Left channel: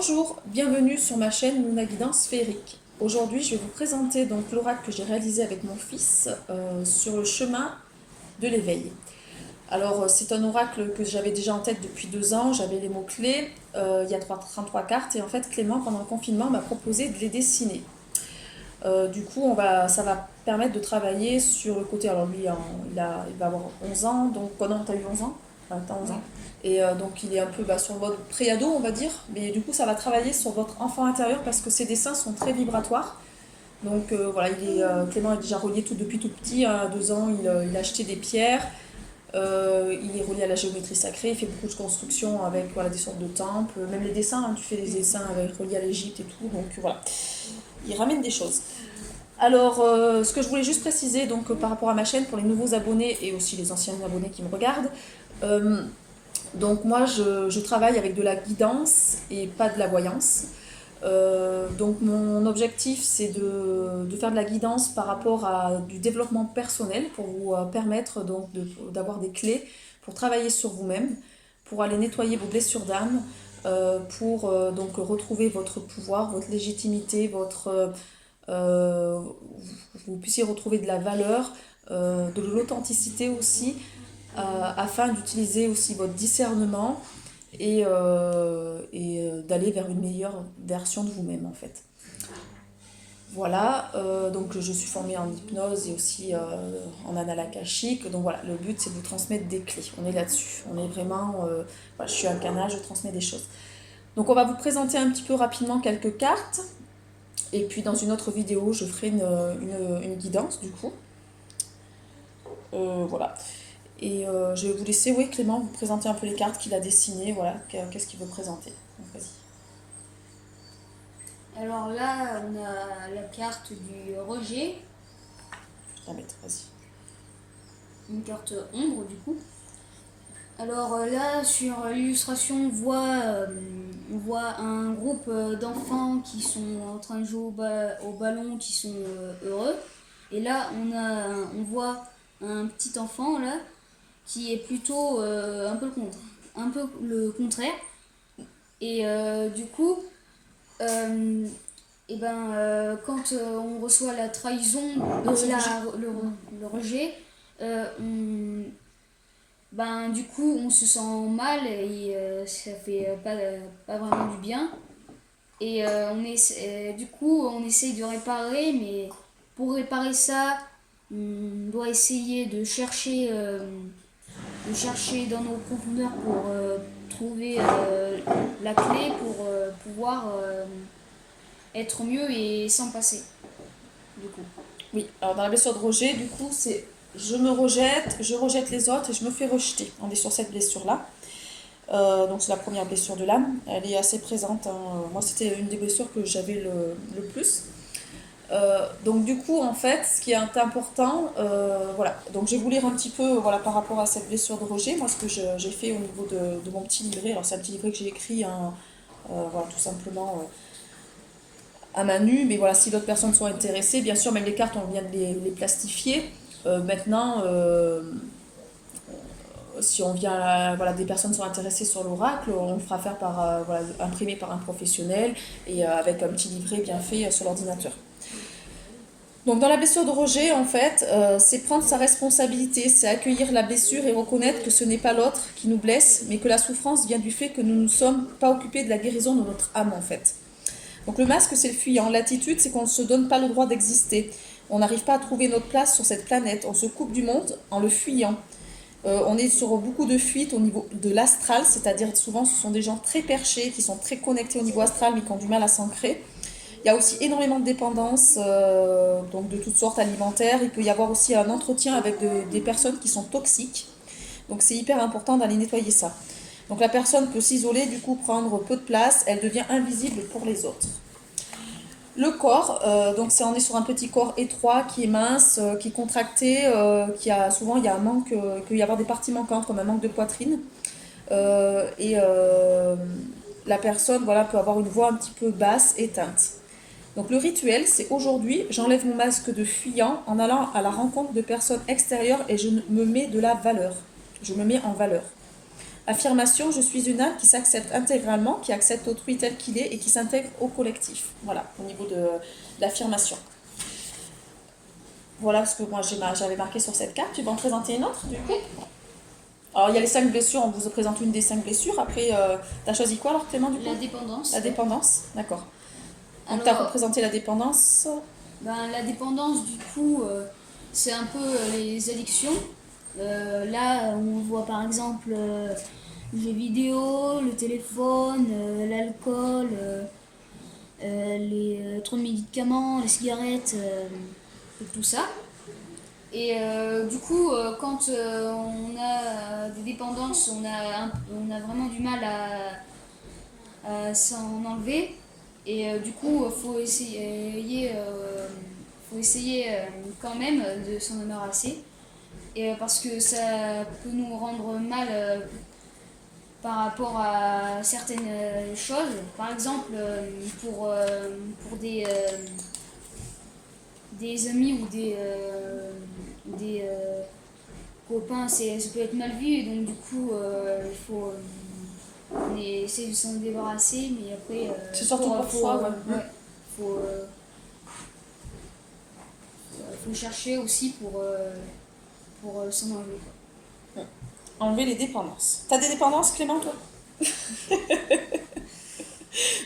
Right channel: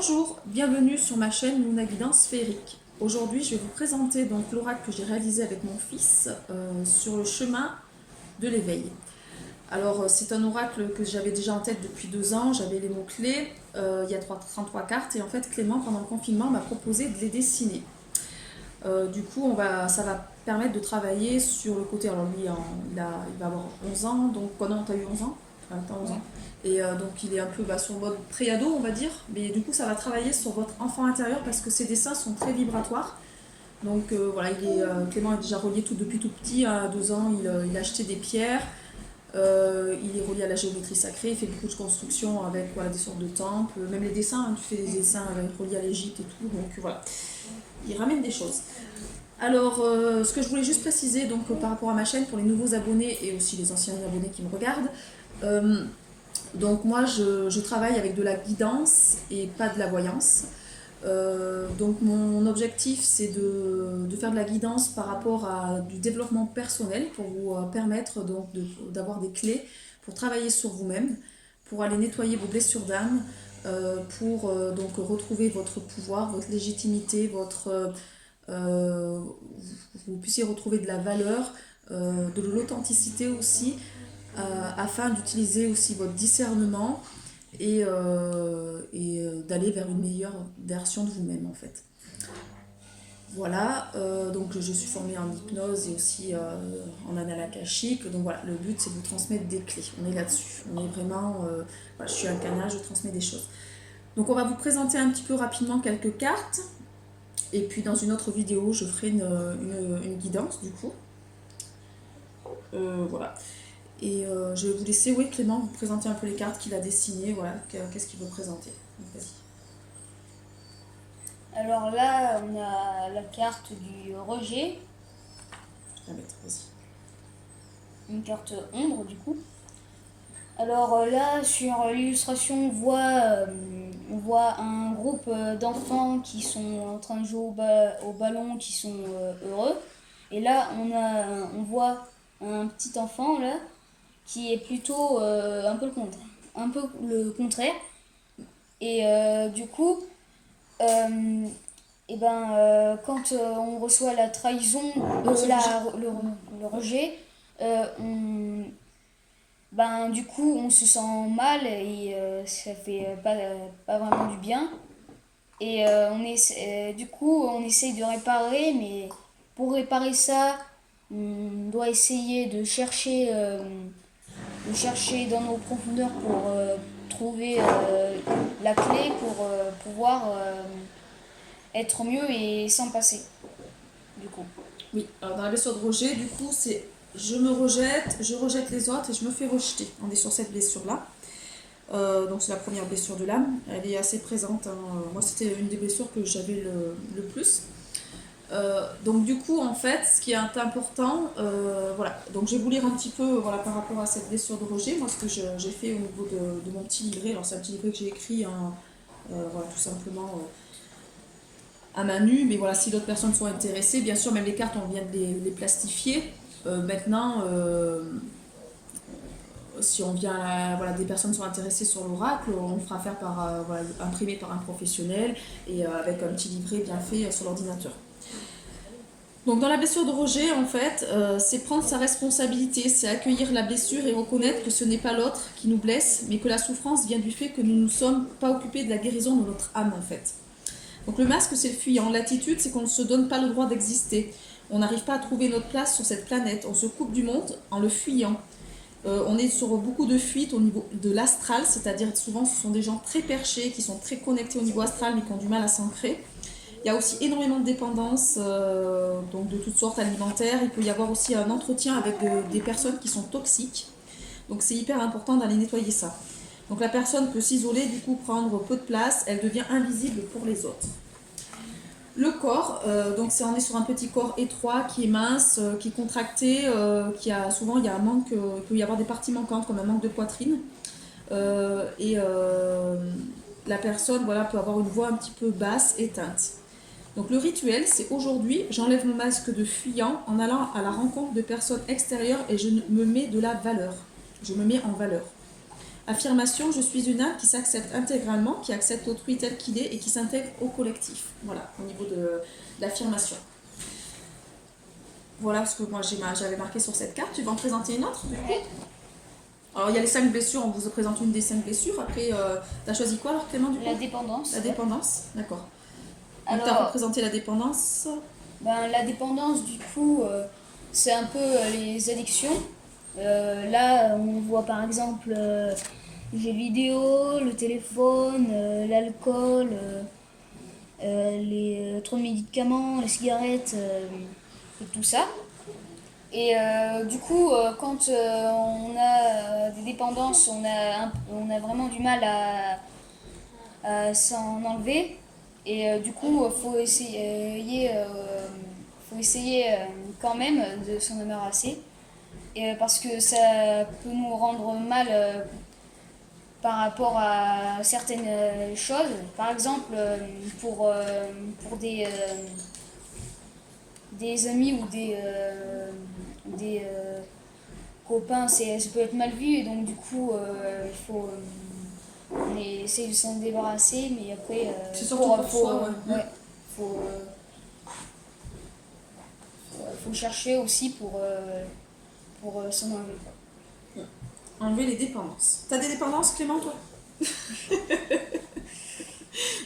Bonjour, bienvenue sur ma chaîne Luna Guidance Féerique. Aujourd'hui, je vais vous présenter donc l'oracle que j'ai réalisé avec mon fils sur le chemin de l'éveil. Alors, c'est un oracle que j'avais déjà en tête depuis 2 ans. J'avais les mots-clés, il y a 33 cartes. Et en fait, Clément, pendant le confinement, m'a proposé de les dessiner. Du coup, ça va permettre de travailler sur le côté. Alors, lui, il va avoir 11 ans. Donc, non, t'as eu 11 ans? T'as 11 ans. Et donc, il est un peu sur le mode pré-ado, on va dire. Mais du coup, ça va travailler sur votre enfant intérieur parce que ses dessins sont très vibratoires. Donc, voilà, Clément est déjà relié depuis tout petit. À 2 ans, il a acheté des pierres. Il est relié à la géométrie sacrée. Il fait beaucoup de constructions avec des sortes de temples. Même les dessins, hein, tu fais des dessins reliés à l'Égypte et tout. Donc, voilà. Il ramène des choses. Alors, ce que je voulais juste préciser par rapport à ma chaîne, pour les nouveaux abonnés et aussi les anciens abonnés qui me regardent, donc moi je travaille avec de la guidance et pas de la voyance. Donc mon objectif c'est de faire de la guidance par rapport à du développement personnel pour vous permettre d'avoir des clés pour travailler sur vous-même, pour aller nettoyer vos blessures d'âme, pour retrouver votre pouvoir, votre légitimité, vous puissiez retrouver de la valeur, de l'authenticité aussi, afin d'utiliser aussi votre discernement et d'aller vers une meilleure version de vous-même en fait. Voilà, donc je suis formée en hypnose et aussi en annales akashiques. Donc voilà, le but c'est de vous transmettre des clés. On est là-dessus. On est vraiment. Je suis un canal, je transmets des choses. Donc on va vous présenter un petit peu rapidement quelques cartes. Et puis dans une autre vidéo, je ferai une guidance du coup. Voilà. Et je vais vous laisser, oui, Clément, vous présenter un peu les cartes qu'il a dessinées. Voilà, qu'est-ce qu'il veut présenter. Donc, vas-y. Alors là, on a la carte du rejet. Je vais la mettre, vas-y. Une carte ombre du coup. Alors là, sur l'illustration, on voit un groupe d'enfants qui sont en train de jouer au ballon, qui sont heureux. Et là, on voit un petit enfant là qui est plutôt un peu le contraire. Et du coup, quand on reçoit la trahison, le rejet, du coup on se sent mal et ça fait pas vraiment du bien. Et du coup on essaye de réparer, mais pour réparer ça, on doit essayer de chercher dans nos profondeurs pour trouver la clé pour pouvoir être mieux et s'en passer, du coup. Oui, alors dans la blessure de rejet, du coup, c'est je me rejette, je rejette les autres et je me fais rejeter. On est sur cette blessure-là. Donc c'est la première blessure de l'âme. Elle est assez présente, hein. Moi, c'était une des blessures que j'avais le plus. Donc du coup, en fait, ce qui est important, voilà. Donc je vais vous lire un petit peu, par rapport à cette blessure de rejet. Moi, ce que j'ai fait au niveau de mon petit livret. Alors c'est un petit livret que j'ai écrit, hein, tout simplement. À main nue, mais voilà, si d'autres personnes sont intéressées, bien sûr, même les cartes, on vient de les plastifier. Maintenant, si on vient, des personnes sont intéressées sur l'oracle, on le fera faire imprimé par un professionnel et avec un petit livret bien fait sur l'ordinateur. Donc dans la blessure de rejet, en fait, c'est prendre sa responsabilité, c'est accueillir la blessure et reconnaître que ce n'est pas l'autre qui nous blesse, mais que la souffrance vient du fait que nous ne sommes pas occupés de la guérison de notre âme, en fait. Donc le masque, c'est le fuyant. L'attitude, c'est qu'on ne se donne pas le droit d'exister. On n'arrive pas à trouver notre place sur cette planète. On se coupe du monde en le fuyant. On est sur beaucoup de fuites au niveau de l'astral, c'est-à-dire souvent ce sont des gens très perchés, qui sont très connectés au niveau astral, mais qui ont du mal à s'ancrer. Il y a aussi énormément de dépendance, donc de toutes sortes alimentaires. Il peut y avoir aussi un entretien avec des personnes qui sont toxiques. Donc c'est hyper important d'aller nettoyer ça. Donc la personne peut s'isoler, du coup prendre peu de place, elle devient invisible pour les autres. Le corps, on est sur un petit corps étroit qui est mince, qui est contracté, souvent il y a un manque, il peut y avoir des parties manquantes comme un manque de poitrine. La personne peut avoir une voix un petit peu basse, éteinte. Donc le rituel, c'est aujourd'hui, j'enlève mon masque de fuyant en allant à la rencontre de personnes extérieures et je me mets de la valeur. Je me mets en valeur. Affirmation, je suis une âme qui s'accepte intégralement, qui accepte autrui tel qu'il est et qui s'intègre au collectif. Voilà, au niveau de l'affirmation. Voilà ce que moi j'avais marqué sur cette carte. Tu vas en présenter une autre du coup? Alors il y a les 5 blessures, on vous présente une des 5 blessures. Après, tu as choisi quoi alors Clément du coup? La dépendance. La dépendance, d'accord. Donc tu as Alors, représenté la dépendance. la dépendance, du coup, c'est un peu les addictions. Là, on voit par exemple les jeux vidéo, le téléphone, l'alcool, les trop de médicaments, les cigarettes, tout ça. Et du coup, quand on a des dépendances, on a vraiment du mal à s'en enlever. Et du coup, faut essayer quand même de s'en débarrasser. Et, parce que ça peut nous rendre mal par rapport à certaines choses. Par exemple, pour des amis ou des copains, ça peut être mal vu. Et donc, du coup, on essaie de s'en débarrasser. Mais après, C'est surtout pour soi, ouais. Faut, faut chercher aussi pour s'en enlever. Enlever les dépendances. T'as des dépendances, Clément, toi?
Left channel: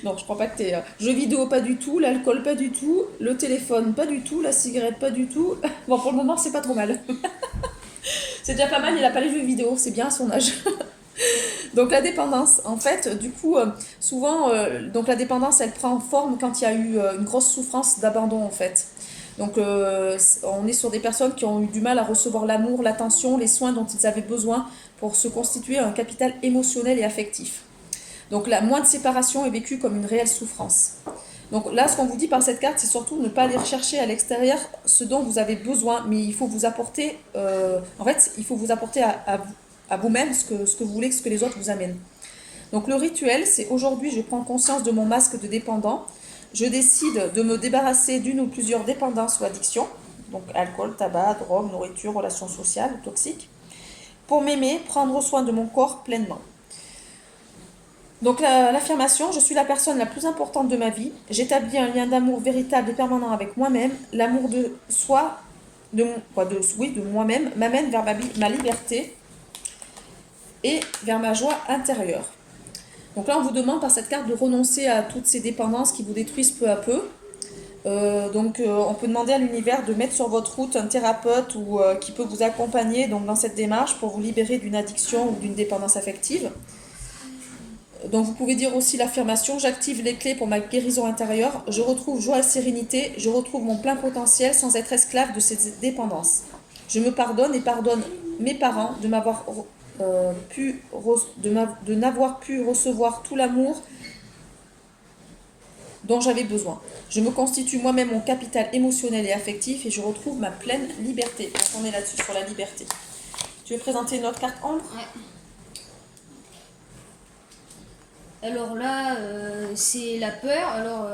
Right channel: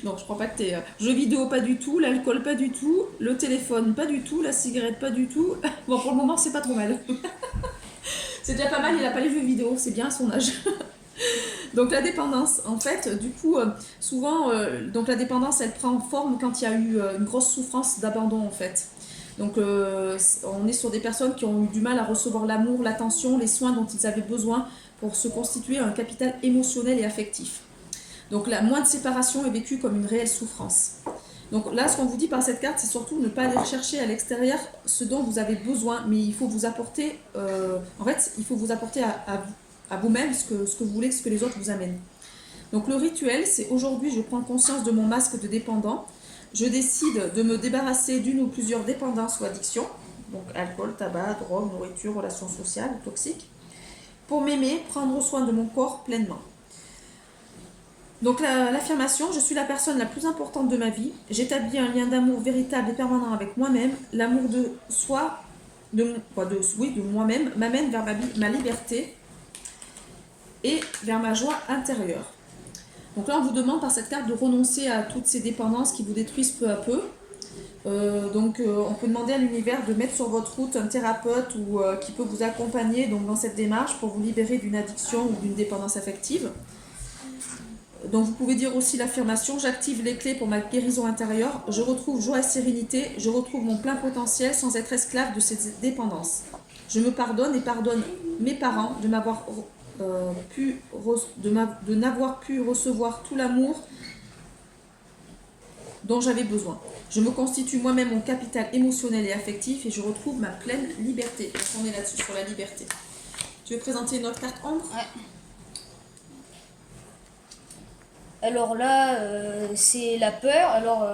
Non, je crois pas que t'es. Jeux vidéo, pas du tout. L'alcool, pas du tout. Le téléphone, pas du tout. La cigarette, pas du tout. Bon, pour le moment, c'est pas trop mal. C'est déjà pas mal, il a pas les jeux vidéo, c'est bien à son âge. Donc la dépendance, en fait, du coup, souvent, donc la dépendance, elle prend forme quand il y a eu une grosse souffrance d'abandon, en fait. Donc on est sur des personnes qui ont eu du mal à recevoir l'amour, l'attention, les soins dont ils avaient besoin pour se constituer un capital émotionnel et affectif. Donc la moindre séparation est vécue comme une réelle souffrance. Donc là, ce qu'on vous dit par cette carte, c'est surtout ne pas aller rechercher à l'extérieur ce dont vous avez besoin, mais il faut vous apporter, en fait, il faut vous apporter à vous-même ce que vous voulez, ce que les autres vous amènent. Donc le rituel, c'est aujourd'hui, je prends conscience de mon masque de dépendant. Je décide de me débarrasser d'une ou plusieurs dépendances ou addictions, donc alcool, tabac, drogue, nourriture, relations sociales, toxiques, pour m'aimer, prendre soin de mon corps pleinement. Donc l'affirmation, je suis la personne la plus importante de ma vie, j'établis un lien d'amour véritable et permanent avec moi-même, l'amour de soi, de moi-même, m'amène vers ma liberté et vers ma joie intérieure. Donc là, on vous demande par cette carte de renoncer à toutes ces dépendances qui vous détruisent peu à peu. On peut demander à l'univers de mettre sur votre route un thérapeute ou qui peut vous accompagner donc, dans cette démarche pour vous libérer d'une addiction ou d'une dépendance affective. Donc vous pouvez dire aussi l'affirmation, j'active les clés pour ma guérison intérieure, je retrouve joie et sérénité, je retrouve mon plein potentiel sans être esclave de ces dépendances. Je me pardonne et pardonne mes parents de m'avoir de n'avoir pu recevoir tout l'amour dont j'avais besoin. Je me constitue moi-même mon capital émotionnel et affectif et je retrouve ma pleine liberté. Donc on est là-dessus, sur la liberté. Tu veux présenter une autre carte ombre? Ouais. Alors là, c'est la peur. Alors,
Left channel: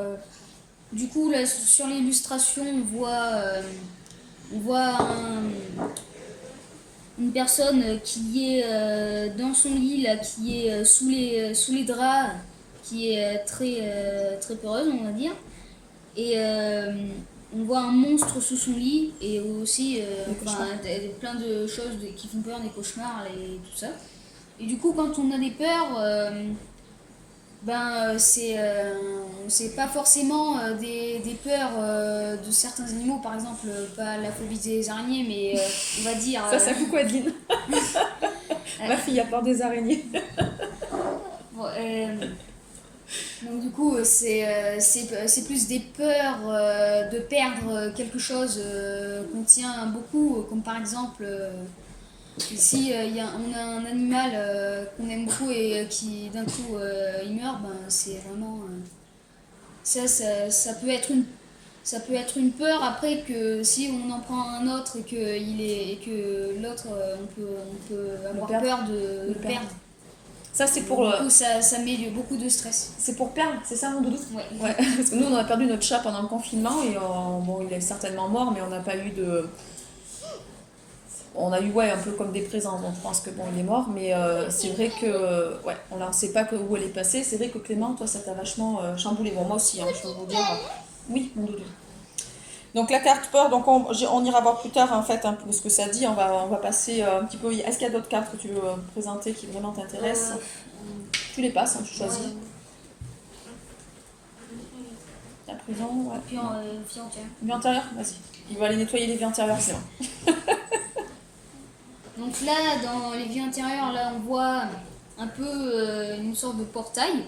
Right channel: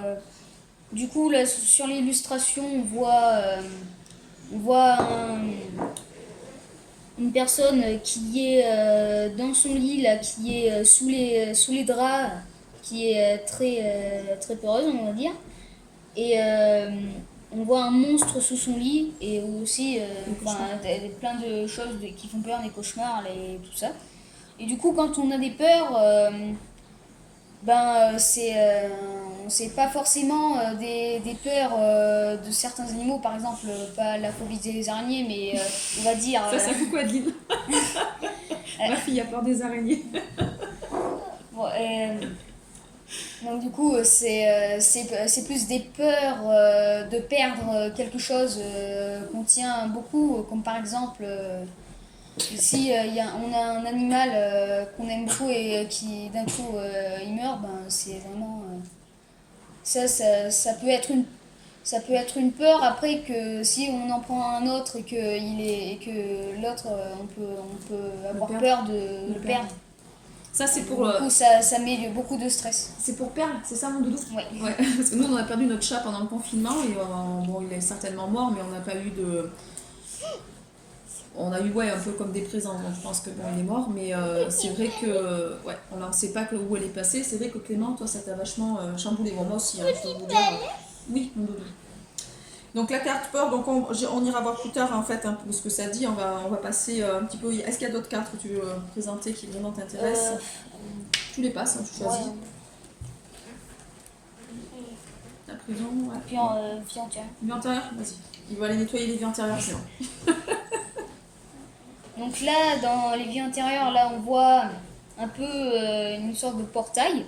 du coup, là, sur l'illustration, on voit une personne qui est dans son lit, là, qui est sous les draps, qui est très peureuse, on va dire. Et on voit un monstre sous son lit et aussi plein de choses qui font peur, des cauchemars et tout ça. Et du coup, quand on a des peurs, c'est pas forcément des peurs de certains animaux, par exemple, pas la phobie des araignées, mais on va dire. Ça, c'est coucou Adeline. Ma fille a peur des araignées. Bon, donc, du coup, c'est plus des peurs de perdre quelque chose qu'on tient beaucoup, comme par exemple. Si on a un animal qu'on aime beaucoup et qui d'un coup il meurt, c'est vraiment ça peut être une peur. Après, que si on en prend un autre et que l'autre on peut avoir peur de le perdre. Ça, c'est pour du coup, ça met beaucoup de stress. C'est pour perdre, c'est ça mon doudou? Ouais. Parce que nous on a perdu notre chat pendant le confinement et bon, il est certainement mort, mais on n'a pas eu de on a eu ouais, un peu comme des présents, donc je pense que bon, il est mort, mais c'est vrai que ouais, on ne sait pas où elle est passée. C'est vrai que Clément, toi, ça t'a vachement chamboulé. Bon, moi aussi, hein, je peux vous dire. Oui, mon doudou. Donc la carte peur, donc on ira voir plus tard en fait un peu ce que ça dit. On va passer un petit peu. Est-ce qu'il y a d'autres cartes que tu veux présenter qui vraiment t'intéressent? Tu les passes, hein, tu choisis. Ouais. La prison, ouais. Puis en vie entière. Vie antérieure, vas-y. Il va aller nettoyer les vies antérieures, sinon. Donc là, dans les vies antérieures, là, on voit un peu une sorte de portail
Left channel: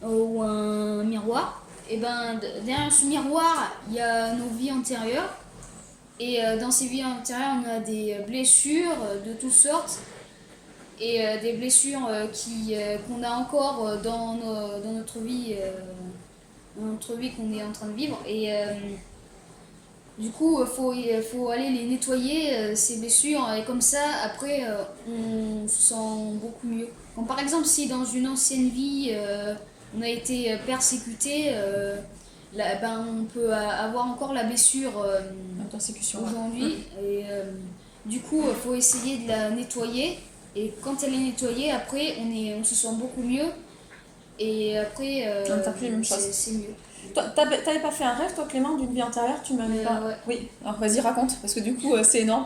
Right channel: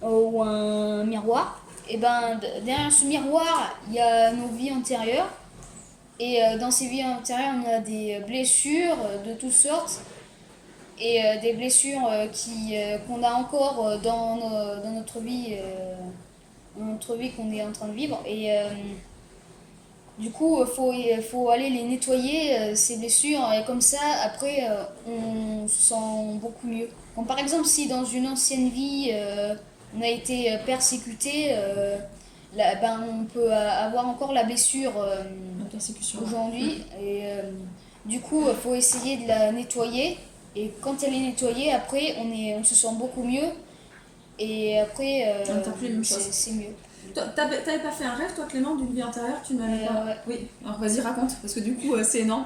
ou un miroir. Et ben derrière ce miroir, il y a nos vies antérieures. Et dans ces vies antérieures, on a des blessures de toutes sortes et des blessures qu'on a encore dans notre vie qu'on est en train de vivre. Et du coup, faut aller les nettoyer, ces blessures, et comme ça, après, on se sent beaucoup mieux. Comme par exemple, si dans une ancienne vie, on a été persécuté, là, ben, on peut avoir encore la blessure La persécution. aujourd'hui. Et du coup, il faut essayer de la nettoyer. Et quand elle est nettoyée, après, on se sent beaucoup mieux. Et après, t'as plus la même chose. c'est mieux. T'avais pas fait un rêve, toi, Clément, d'une vie antérieure? Tu m'avais pas. Ouais. Oui, alors vas-y, raconte, parce que du coup, c'est énorme.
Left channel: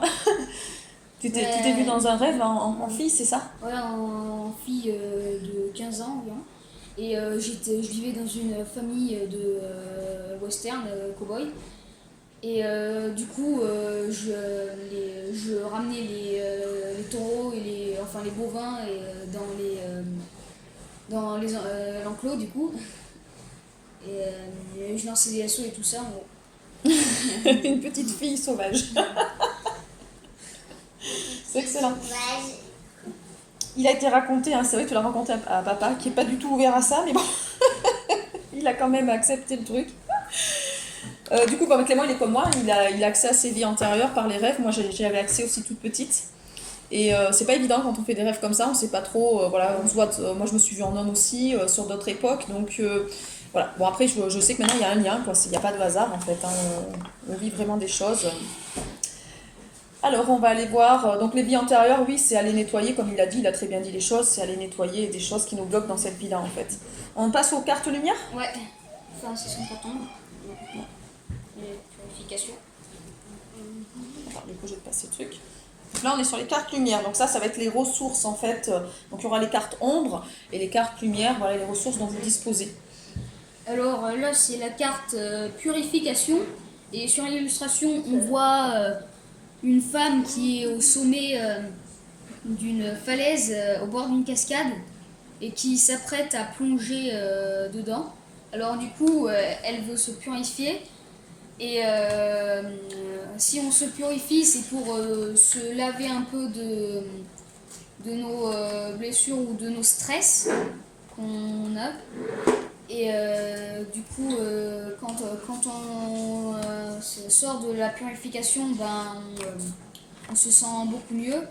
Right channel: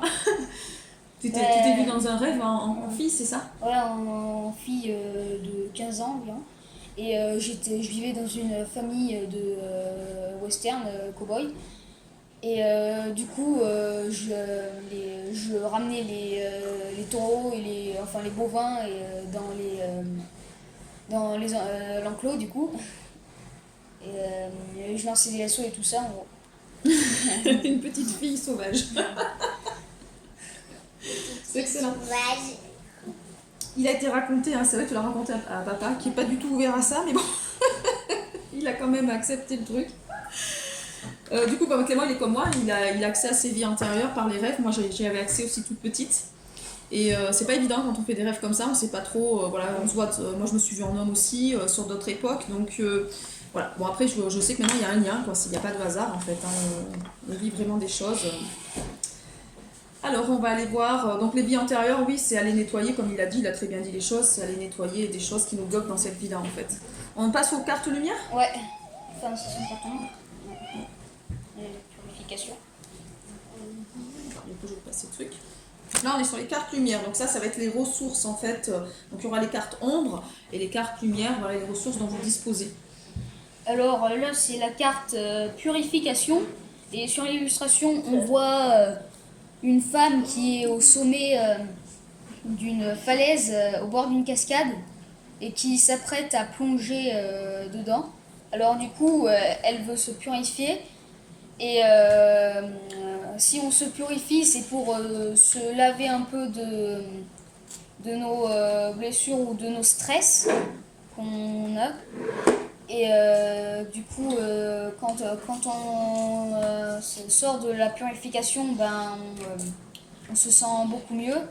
Tu t'es vu dans un rêve en fille, c'est ça? Ouais, en fille de 15 ans environ. Et je vivais dans une famille de western cow-boy. Et du coup, je ramenais les taureaux et les bovins dans l'enclos du coup. Et je lançais des assauts et tout ça en gros. Une petite fille sauvage. C'est excellent. Il a été raconté, hein, c'est vrai que tu l'as raconté à papa, qui n'est pas du tout ouvert à ça, mais bon, il a quand même accepté le truc. Du coup, bah, Clément, il est comme moi, il a accès à ses vies antérieures par les rêves. Moi, j'y avais accès aussi toute petite. Et c'est pas évident quand on fait des rêves comme ça, on sait pas trop, voilà, on se voit, moi je me suis vue en homme aussi, sur d'autres époques, donc voilà. Bon, après, je sais que maintenant il y a un lien, quoi, il n'y a pas de hasard en fait, hein, on vit vraiment des choses. Alors, on va aller voir, donc les vies antérieures, oui, c'est aller nettoyer, comme il a dit, il a très bien dit les choses, c'est aller nettoyer des choses qui nous bloquent dans cette vie-là en fait. On passe aux cartes lumière? Ouais, enfin, c'est son carton. Purification. Alors, du coup, je vais passer le truc. Là, on est sur les cartes lumière, donc ça va être les ressources en fait. Donc il y aura les cartes ombre et les cartes lumière, voilà les ressources dont vous disposez. Alors là, c'est la carte purification. Et sur l'illustration, on voit une femme qui est au sommet d'une falaise, au bord d'une cascade, et qui s'apprête à plonger dedans. Alors du coup, elle veut se purifier. Et si on se purifie, c'est pour se laver un peu de nos blessures ou de nos stress qu'on a. Et du coup, quand on sort de la purification, ben, on se sent beaucoup mieux.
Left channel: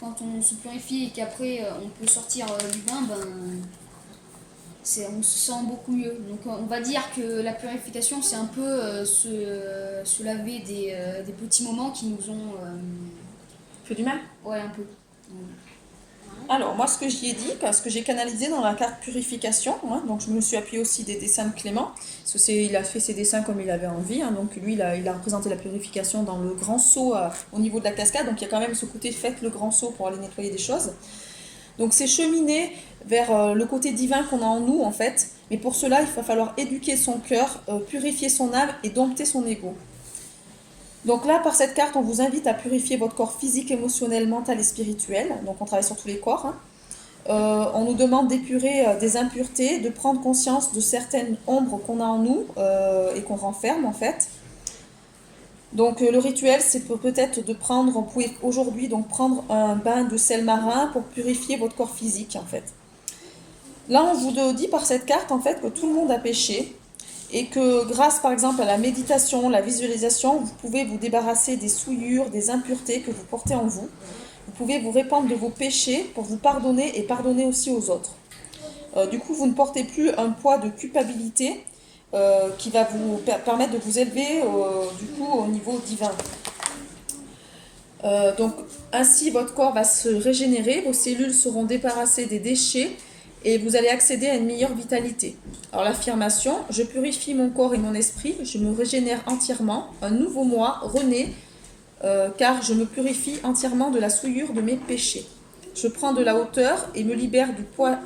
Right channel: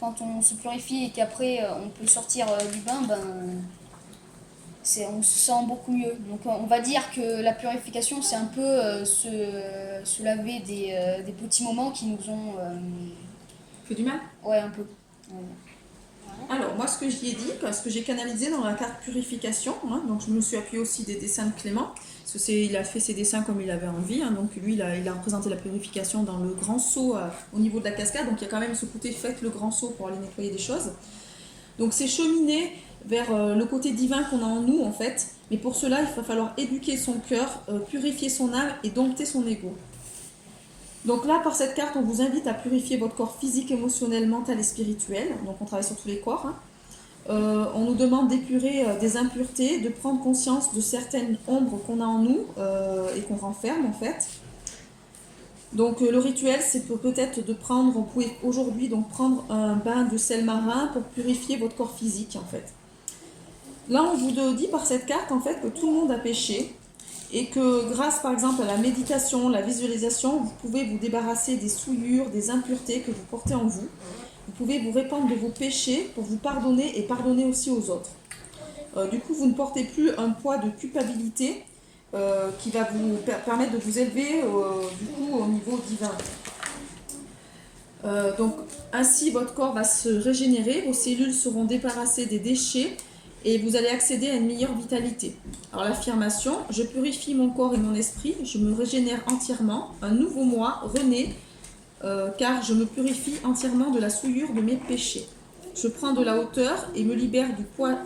Quand on se purifie et qu'après on peut sortir du bain, ben, on se sent beaucoup mieux. Donc on va dire que la purification, c'est un peu se laver des petits moments qui nous ont... Fait du mal? Ouais, un peu. Alors, moi, ce que j'y ai dit, ce que j'ai canalisé dans la carte purification, hein, donc je me suis appuyée aussi des dessins de Clément, parce qu'il a fait ses dessins comme il avait envie, hein, donc lui, il a représenté la purification dans le grand seau au niveau de la cascade, donc il y a quand même ce côté faites le grand seau pour aller nettoyer des choses. Donc c'est cheminer vers le côté divin qu'on a en nous, en fait, mais pour cela, il va falloir éduquer son cœur, purifier son âme et dompter son ego. Donc là, par cette carte, on vous invite à purifier votre corps physique, émotionnel, mental et spirituel. Donc on travaille sur tous les corps. Hein. On nous demande d'épurer des impuretés, de prendre conscience de certaines ombres qu'on a en nous et qu'on renferme en fait. Donc le rituel, c'est peut-être de prendre, vous pouvez aujourd'hui donc prendre un bain de sel marin pour purifier votre corps physique en fait. Là, on vous dit par cette carte en fait que tout le monde a péché. Et que grâce par exemple à la méditation, la visualisation, vous pouvez vous débarrasser des souillures, des impuretés que vous portez en vous. Vous pouvez vous répandre de vos péchés pour vous pardonner et pardonner aussi aux autres. Du coup, vous ne portez plus un poids de culpabilité qui va vous permettre de vous élever du coup, au niveau divin. Donc ainsi, votre corps va se régénérer, vos cellules seront débarrassées des déchets et vous allez accéder à une meilleure vitalité. Alors l'affirmation, je purifie mon corps et mon esprit, je me régénère entièrement, un nouveau moi renaît car je me purifie entièrement de la souillure de mes péchés. Je prends de la hauteur et me libère du poids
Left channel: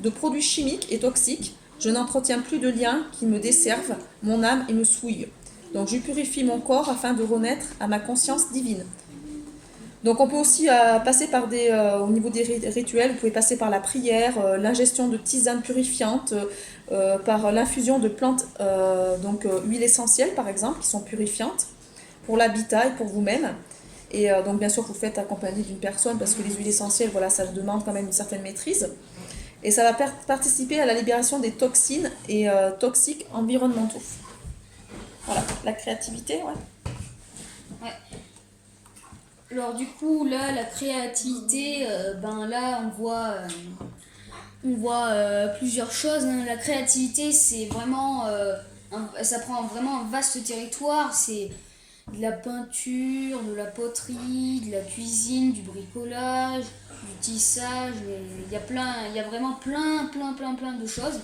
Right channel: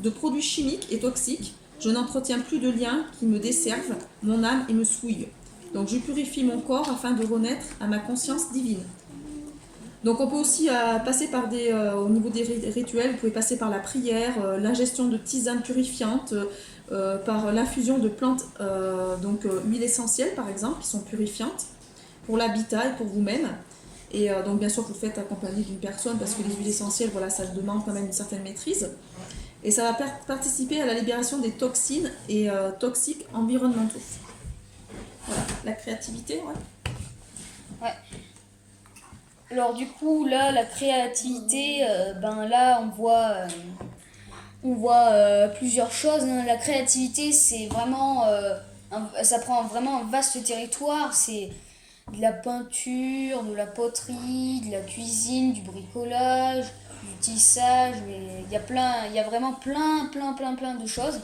de produits chimiques et toxiques. Je n'entretiens plus de liens qui me desservent mon âme et me souillent. Donc je purifie mon corps afin de renaître à ma conscience divine. Donc on peut aussi passer par au niveau des rituels, vous pouvez passer par la prière, l'ingestion de tisanes purifiantes, par l'infusion de plantes, huiles essentielles par exemple, qui sont purifiantes pour l'habitat et pour vous-même. Et donc bien sûr vous faites accompagner d'une personne parce que les huiles essentielles, voilà, ça demande quand même une certaine maîtrise. Et ça va participer à la libération des toxines et toxiques environnementaux. Voilà, la créativité, ouais. Ouais. Alors du coup, là, la créativité, ben là, on voit plusieurs choses, hein. La créativité, c'est vraiment, ça prend vraiment un vaste territoire. C'est de la peinture, de la poterie, de la cuisine, du bricolage, du tissage. Il y a vraiment plein de choses.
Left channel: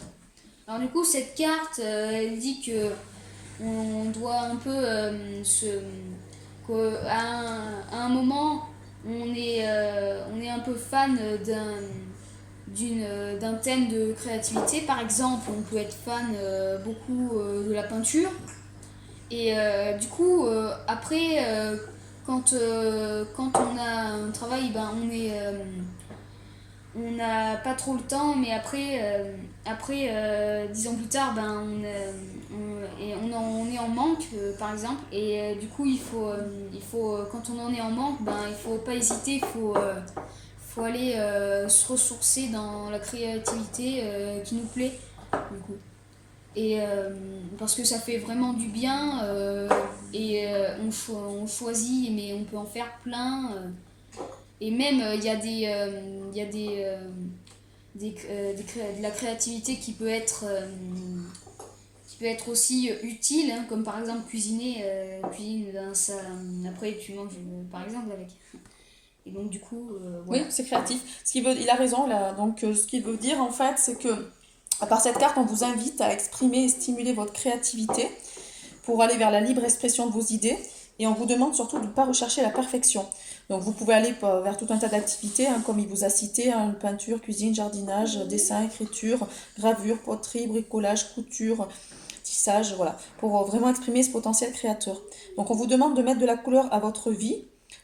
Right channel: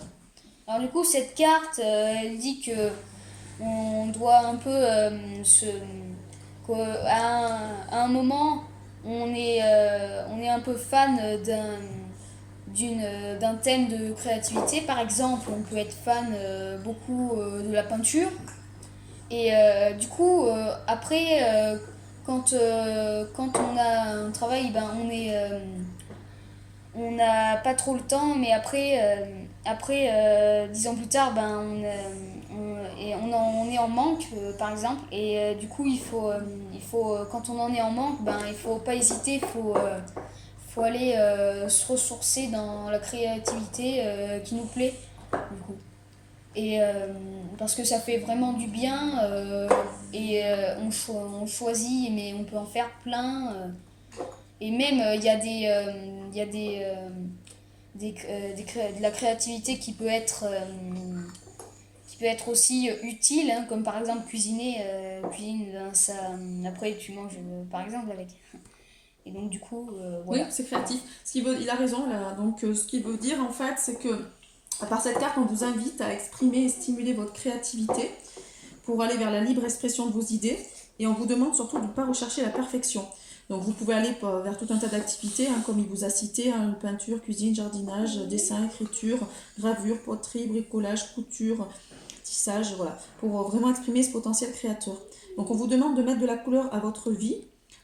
Alors du coup, cette carte, elle dit que on doit un peu à un moment, on est un peu fan d'un thème de créativité. Par exemple, on peut être fan beaucoup de la peinture. Et du coup, après, quand on a un travail, ben, on n'a pas trop le temps, mais après 10 ans plus tard, ben, on est en manque, par exemple, et du coup, quand on en est en manque, ben, il faut pas hésiter, faut aller se ressourcer dans la créativité qui nous plaît, du coup. Et parce que ça fait vraiment du bien, on choisit, mais on peut en faire plein. Et même, il y a de la créativité qui peut être aussi utile, hein, comme par exemple cuisiner. Ben, après, tu manges par exemple avec. Et donc, du coup, Oui, voilà. c'est créatif. Il a raison là. Donc, ce qu'il veut dire en fait, c'est que par cette carte, on vous invite à exprimer et stimuler votre créativité pour aller vers la libre expression de vos idées. Et on vous demande surtout de ne pas rechercher la perfection. Donc, vous pouvez aller vers tout un tas d'activités, hein, comme il vous a cité, hein, peinture, cuisine, jardinage, dessin, écriture, gravure, poterie, bricolage, couture, tissage, voilà, pour vraiment exprimer ce potentiel créateur. Donc, on vous demande de mettre de la couleur à votre vie,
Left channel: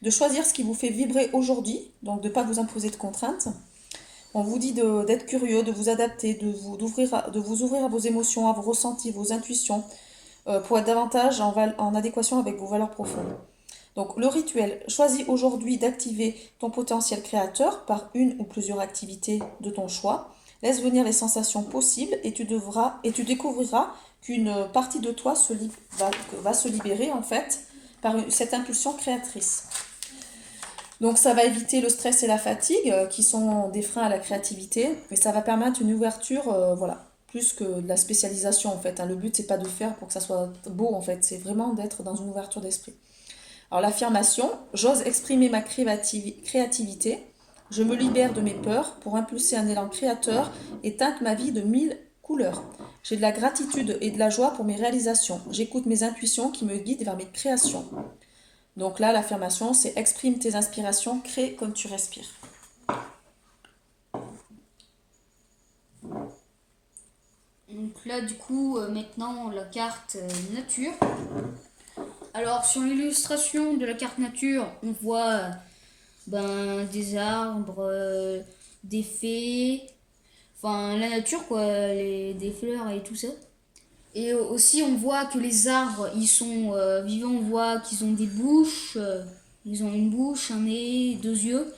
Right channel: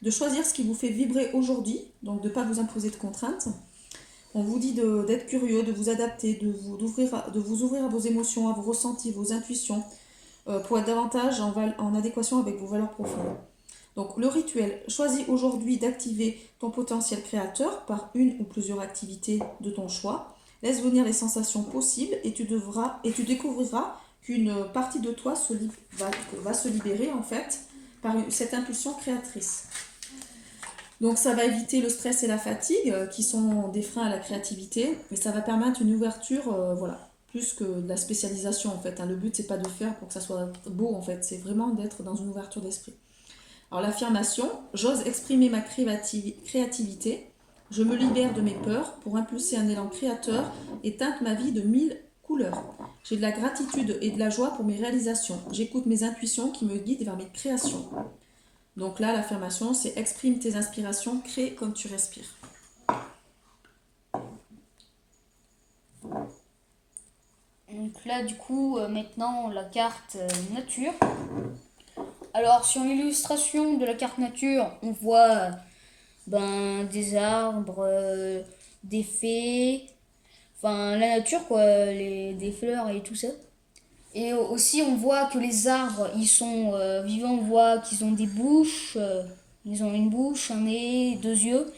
de choisir ce qui vous fait vibrer aujourd'hui, donc de ne pas vous imposer de contraintes. On vous dit d'être curieux, de vous adapter, de vous ouvrir à vos émotions, à vos ressentis, vos intuitions, pour être davantage en adéquation avec vos valeurs profondes. Donc le rituel, choisis aujourd'hui d'activer ton potentiel créateur par une ou plusieurs activités de ton choix. Laisse venir les sensations possibles et tu découvriras qu'une partie de toi va se libérer en fait par cette impulsion créatrice. Donc ça va éviter le stress et la fatigue qui sont des freins à la créativité et ça va permettre une ouverture, voilà, plus que de la spécialisation en fait, hein. Le but c'est pas de faire pour que ça soit beau en fait, c'est vraiment d'être dans une ouverture d'esprit. Alors l'affirmation, j'ose exprimer ma créativité, je me libère de mes peurs pour impulser un élan créateur et teinte ma vie de 1000 couleurs. J'ai de la gratitude et de la joie pour mes réalisations. J'écoute mes intuitions qui me guident vers mes créations. Donc là, l'affirmation, c'est exprime tes inspirations, crée comme tu respires. Donc là, du coup, maintenant, la carte nature. Alors, sur l'illustration de la carte nature, on voit ben, des arbres, des fées, enfin la nature quoi, des fleurs et tout ça. Et aussi on voit que les arbres ils sont vivants, on voit qu'ils ont des bouches, ils ont une bouche, un nez, deux yeux.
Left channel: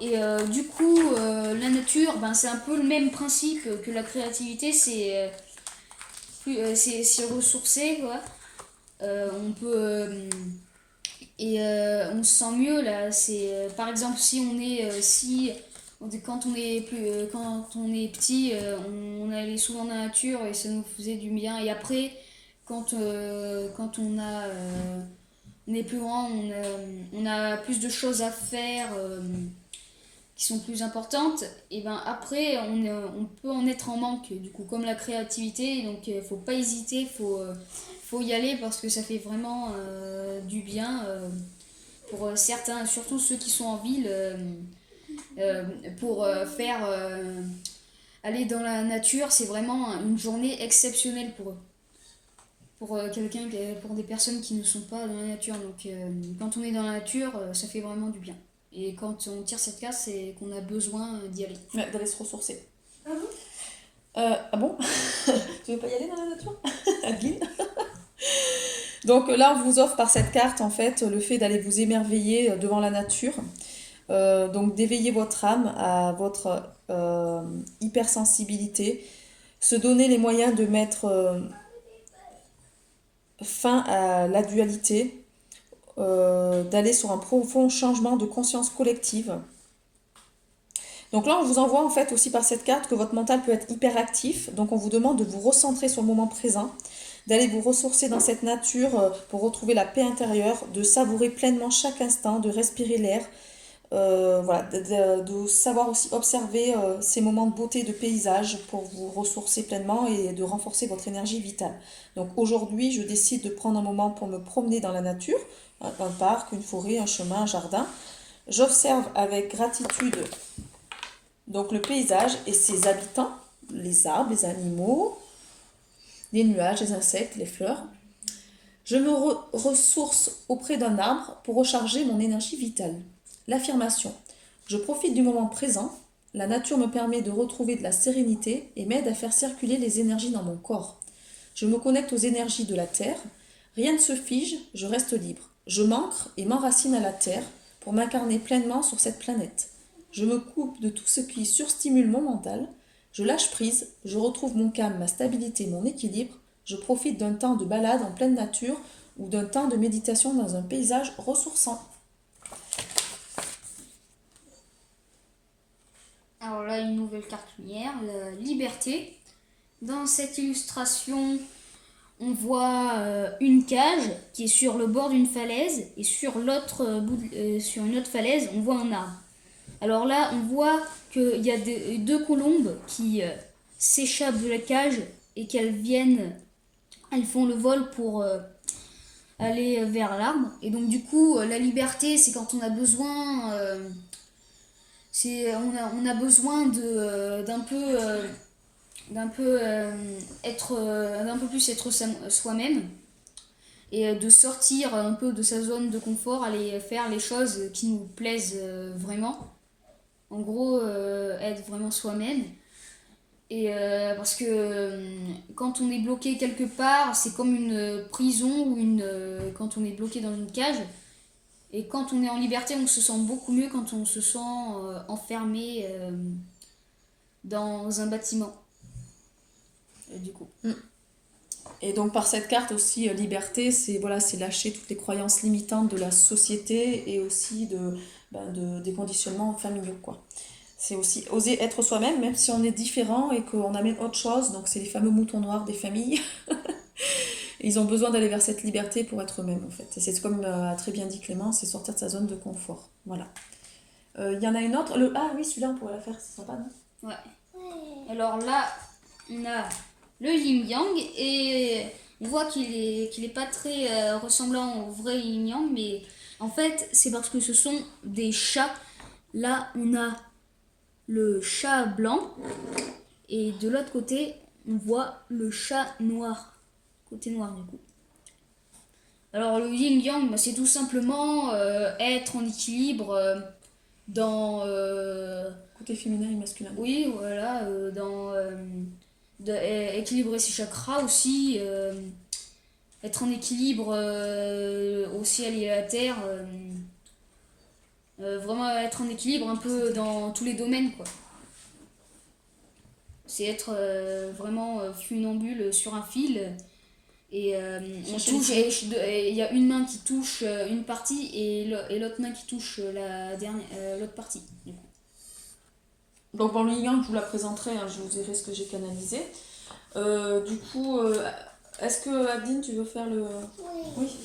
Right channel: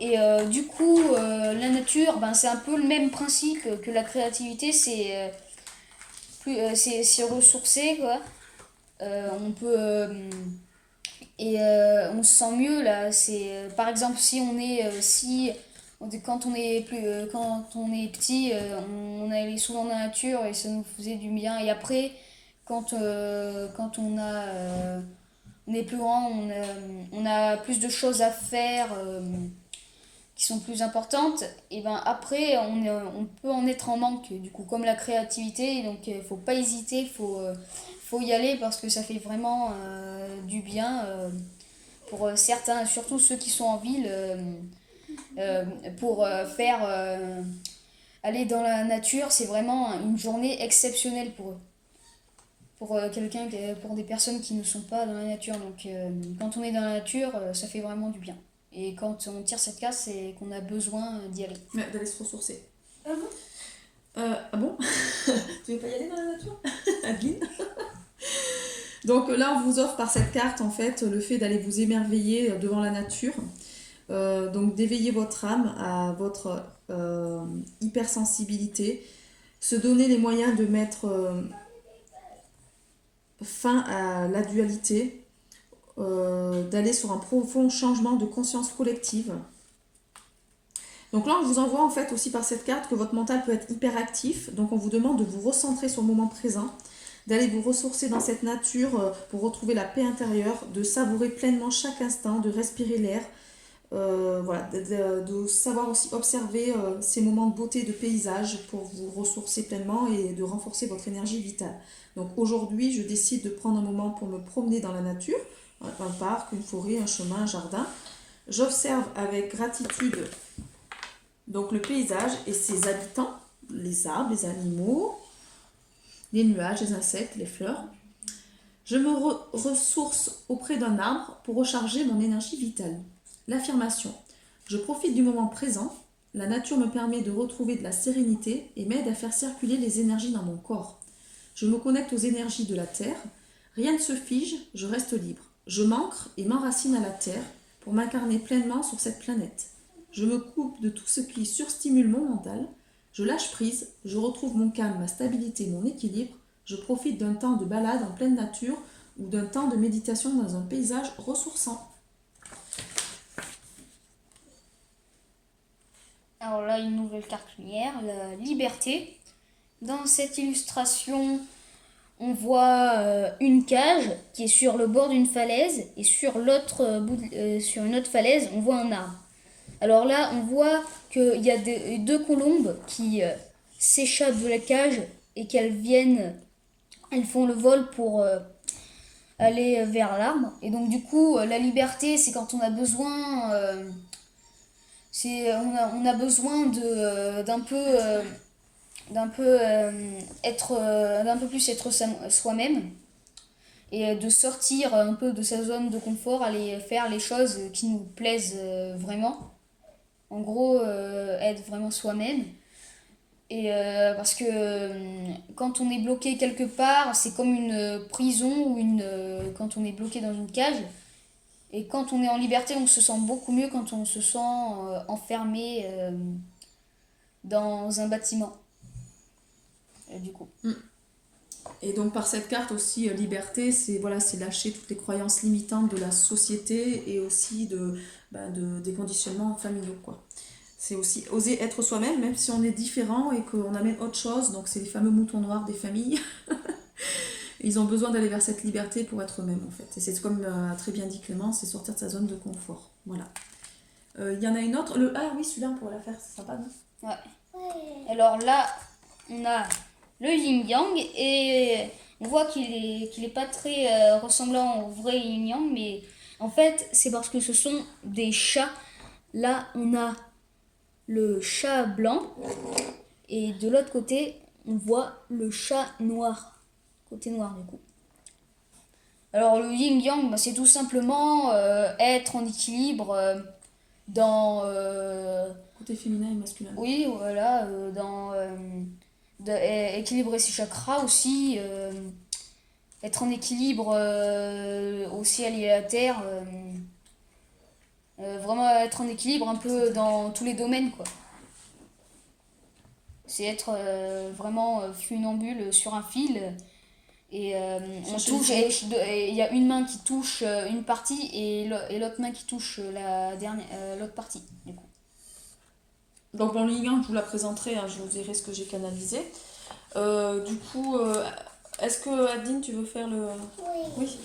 Et du coup la nature ben, c'est un peu le même principe que la créativité, c'est se ressourcer quoi. On peut on se sent mieux là. C'est par exemple si on est si quand on est petit, on allait souvent dans la nature et ça nous faisait du bien. Et après, quand on a on est plus grand, on a plus de choses à faire qui sont plus importantes, et ben après on peut en être en manque du coup, comme la créativité. Donc faut pas hésiter, faut y aller parce que ça fait vraiment du bien pour certains, surtout ceux qui sont en ville, pour faire aller dans la nature. C'est vraiment une journée exceptionnelle pour eux, pour pour des personnes qui ne sont pas dans la nature. Donc quand on est dans la nature, ça fait vraiment du bien. Et quand on tire cette carte, c'est qu'on a besoin d'y aller. Ouais, d'aller se ressourcer. Ah bon Tu veux pas y aller dans la nature, Adeline? Donc là, on vous offre par cette carte, en fait, le fait d'aller vous émerveiller devant la nature. Donc d'éveiller votre âme à votre hypersensibilité, se donner les moyens de mettre fin à la dualité, d'aller sur un profond changement de conscience collective. Donc là, on vous envoie en fait aussi par cette carte que votre mental peut être hyperactif. Donc on vous demande de vous recentrer sur le moment présent, d'aller vous ressourcer dans cette nature pour retrouver la paix intérieure, de savourer pleinement chaque instant, de respirer l'air, voilà, de savoir aussi observer ces moments de beauté, de paysage pour vous ressourcer pleinement et de renforcer votre énergie vitale. Donc aujourd'hui, je décide de prendre un moment pour me promener dans la nature, un parc, une forêt, un chemin, un jardin. J'observe avec gratitude donc le paysage et ses habitants, les arbres, les animaux, les nuages, les insectes, les fleurs. Je me ressource auprès d'un arbre pour recharger mon énergie vitale. L'affirmation. Je profite du moment présent. La nature me permet de retrouver de la sérénité et m'aide à faire circuler les énergies dans mon corps. Je me connecte aux énergies de la terre. Rien ne se fige, je reste libre. Je m'ancre et m'enracine à la terre pour m'incarner pleinement sur cette planète. Je me coupe de tout ce qui surstimule mon mental. Je lâche prise, je retrouve mon calme, ma stabilité, mon équilibre. Je profite d'un temps de balade en pleine nature ou d'un temps de méditation dans un paysage ressourçant. Alors là, une nouvelle carte lumière, la liberté. Dans cette illustration, on voit une cage qui est sur le bord d'une falaise, et sur sur une autre falaise, on voit un arbre. Alors là, on voit qu'il y a deux colombes qui s'échappent de la cage et elles font le vol pour aller vers l'arbre. Et donc du coup, la liberté, c'est quand on a besoin, on a besoin d'un peu plus être soi-même, et de sortir un peu de sa zone de confort, aller faire les choses qui nous plaisent vraiment. En gros, être vraiment soi-même. Et parce que quand on est bloqué quelque part, c'est comme une prison ou quand on est bloqué dans une cage. Et quand on est en liberté, on se sent beaucoup mieux quand on se sent enfermé dans un bâtiment. Et du coup. Et donc par cette carte aussi, liberté, c'est lâcher toutes les croyances limitantes de la société et aussi des conditionnements familiaux, quoi. C'est aussi oser être soi-même, même si on est différent et qu'on amène autre chose. Donc c'est les fameux moutons noirs des familles. Ils ont besoin d'aller vers cette liberté pour être eux-mêmes, en fait. Et c'est comme a très bien dit Clément, c'est sortir de sa zone de confort. Voilà. Il y en a une autre. Ah oui, celui-là, on pourrait la faire, c'est sympa, non? Ouais. Alors là, on a le yin-yang, et on voit qu'il est pas très ressemblant au vrai yin-yang, mais en fait, c'est parce que ce sont des chats. Là, on a le chat blanc, et de l'autre côté, on voit le chat noir, côté noir du coup. Alors le yin-yang, c'est tout simplement être en équilibre dans... Côté féminin et masculin. Oui, voilà, équilibrer ses chakras aussi, être en équilibre au ciel et à la terre, vraiment être en équilibre un peu dans tous les domaines, quoi. C'est être vraiment funambule sur un fil, et on touche, et il y a une main qui touche une partie et l'autre main qui touche l'autre partie, du coup. Donc bon, le yin-yang, je vous la présenterai, hein, je vous dirai ce que j'ai canalisé. Du coup, est-ce que Adeline, tu veux faire le... Oui.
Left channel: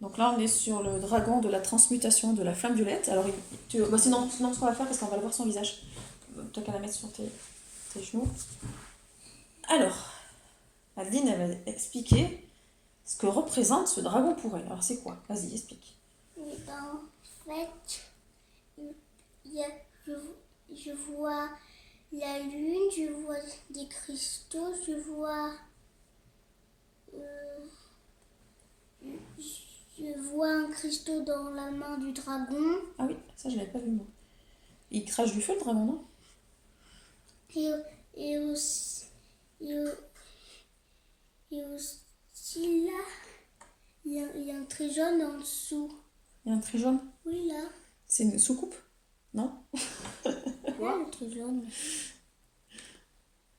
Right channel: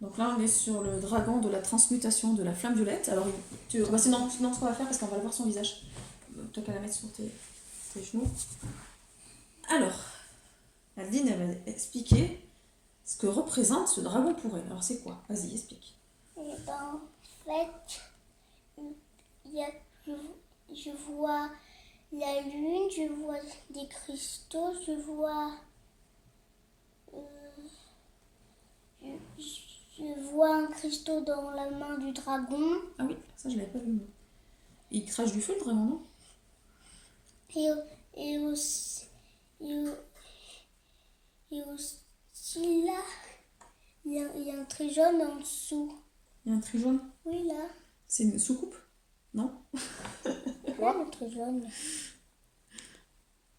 Donc là, on est sur le dragon de la transmutation de la flamme violette. Alors, sinon, ce qu'on va faire, parce qu'on va voir son visage. Toi qu'à la mettre sur tes genoux. Alors, Aldine, elle va expliquer ce que représente ce dragon pour elle. Alors, c'est quoi? Vas-y, explique. Et ben, en fait, il y a, je vois la lune, je vois des cristaux, je vois je vois un cristaux dans la main du dragon Ah oui, ça, je l'avais pas vu, moi. Il crache du feu, le dragon, non? et aussi, et aussi là, il y a un trait jaune en dessous. Il y a un trait jaune. Oui, là. C'est une soucoupe? Non? Là, le trait jaune.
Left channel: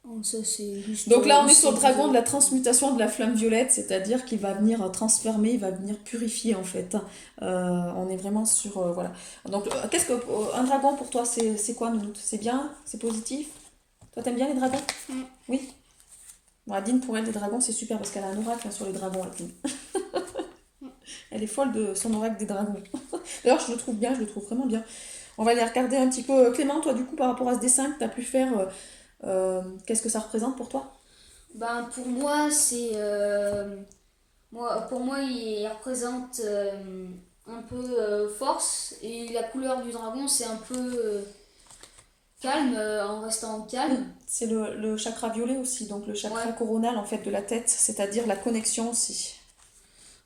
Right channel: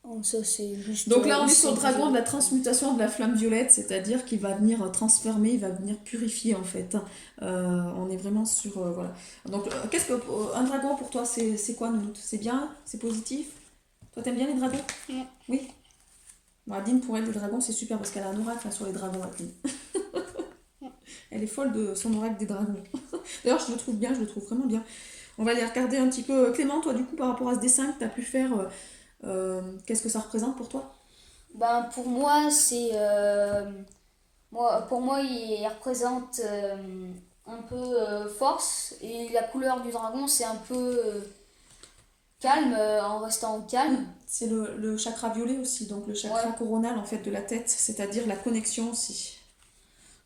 Oh, ça, c'est juste, Donc là, on est sur le c'est dragon de la bizarre. transmutation de la flamme violette, c'est-à-dire qu'il va venir transformer, il va venir purifier en fait. On est vraiment sur... voilà. Donc, qu'est-ce que un dragon pour toi, c'est quoi, Nounoute? C'est bien? C'est positif? Toi, t'aimes bien les dragons? Mm. Oui. Bon, Adine, pour elle, les dragons, c'est super parce qu'elle a un oracle hein, sur les dragons, Adine. Elle est folle de son oracle des dragons. D'ailleurs, je le trouve bien, je le trouve vraiment bien. On va aller regarder un petit peu. Clément, toi, du coup, par rapport à ce dessin que tu as pu faire, qu'est-ce que ça représente pour toi? Ben, pour moi, pour moi, il représente un peu force. Et la couleur du dragon, c'est un peu calme, en restant calme. C'est le chakra violet aussi, donc le chakra Ouais. coronal en fait de la tête, c'est-à-dire la connexion aussi.